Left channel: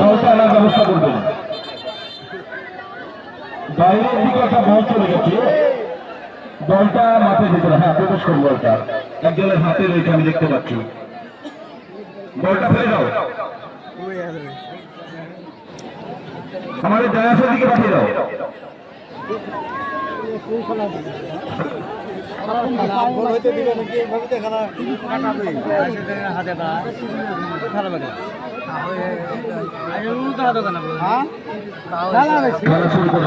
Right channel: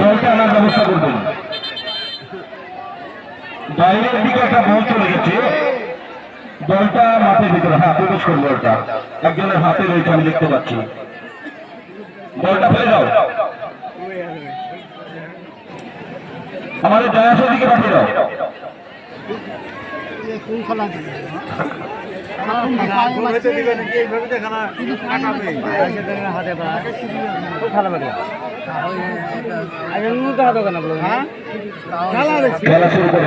বলটা আনার ব্যবস্থা করবেন। বাইরের দিকে একটা বল চলে গেছে, বলটা মাঠের ভিতরে প্রবেশ করবো। বলটা একজনের হাতে রয়েছে, আমি দেখতে পাচ্ছি। বলটা ফেলে দাও, আমাদের ডায়াসের দিকে পাঠিয়ে দাও। খেলা শুরু করে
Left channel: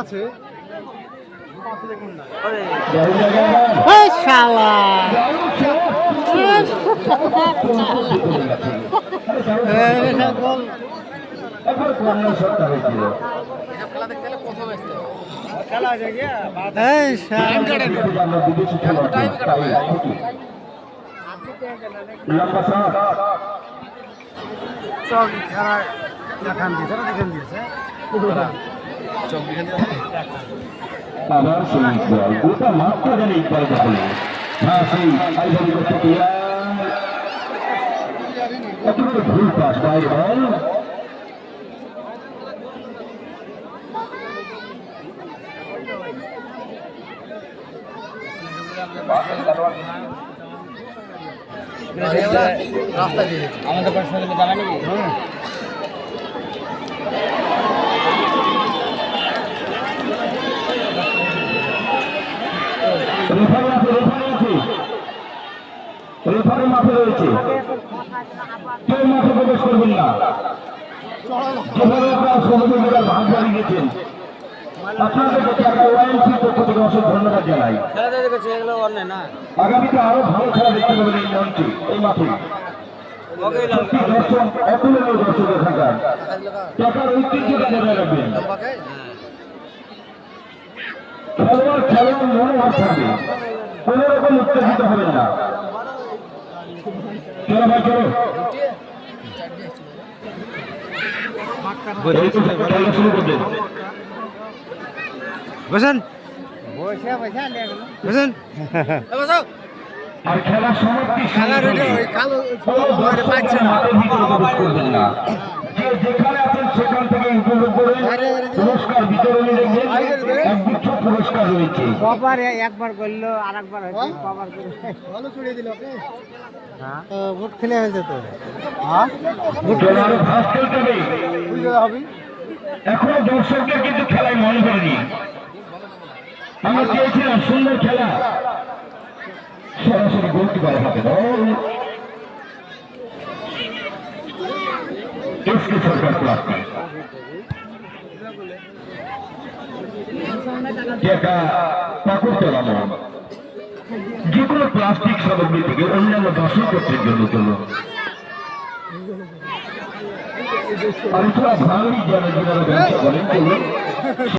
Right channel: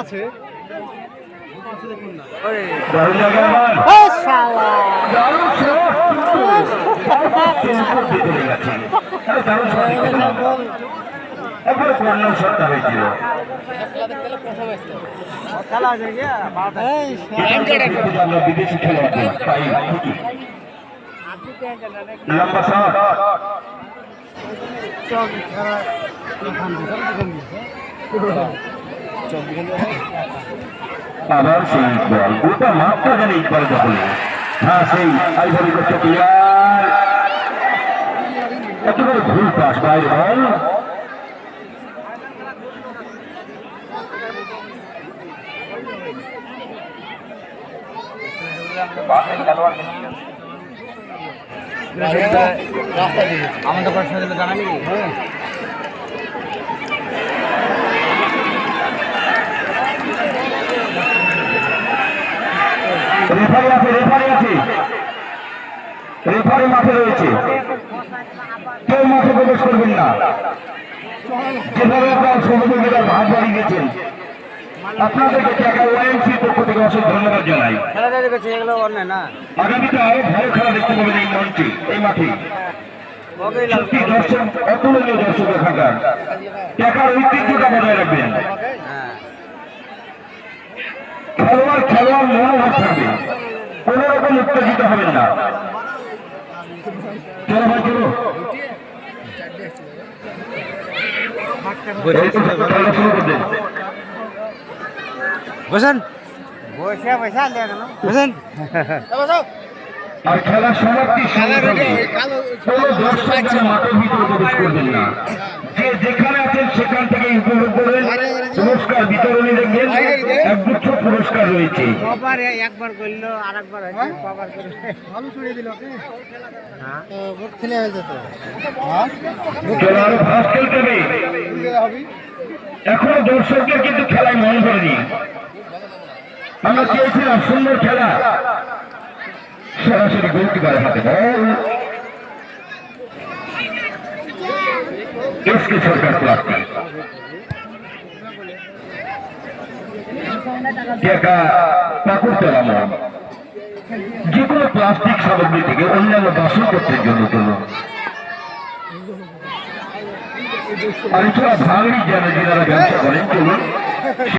আছে বিদেশি খেলোয়াড় লম্বা শট আবার সেই বল গোটা মাঠটা যেন ইকবাল দখলে। সেই আইভরি কোস্টের প্লেয়ার একেবারে ভুল পাস, বাইরে বল। আমাদের প্রশ্ন দিলে জানা নাকি রেফারি আছে, রেফারি আছে, রেফারি মাঠে রয়েছে। কেউ মাঠে প্রবেশ করবেন না। যেভাবে আপনারা সহযোগিতার ভাগ বাড়িয়ে দিয়েছেন, আপনাদেরকে টাকা ওয়াইএমসির পক্ষ থেকে অশেষ ধন্যবাদ জানাই। আগামীতে আরো ভালো খেলা দেখতে পাবেন এই মঞ্চে, এই মাঠে। সত্যি দর্শক, অতুলনীয় দর্শক এখানকার। টাকার ঐতিহ্যটা বজায় রাখবেন। খেলোয়াড় খেলোয়াড় মনোভাব থাকবে, কোন রকম উত্তেজিত হবেন না। চলো ভাই চলো, শুরু করবেন। বসেন আর খেলার সমাপ্তি মাঠের ভিতরে প্রবেশ করবেন না। যে যেখানে আছেন সেখান থেকে উপভোগ করবেন। পুরস্কার বিতরণী দেখবেন, একগুচ্ছ পুরস্কার রয়েছে। একবার করলো আর একবার ভালো চড়িয়ে দিল, ভোট খেলে হয়ে যেত। এখনো দর্শকদের কিন্তু খেলায় মন করেনি। আমরা চেয়েছিলাম সুন্দর খেলা, সরাসরি গোলকিপার হাতে বল। এসকে সরকার প্লাস্টিক যে কোনো প্লাস্টিক সামগ্রী থেকে অন্যান্য বাসনপত্রের জন্য চলুন। আর এছাড়া ভাঙড়ি যারা ব্যবসা করেন চলুন।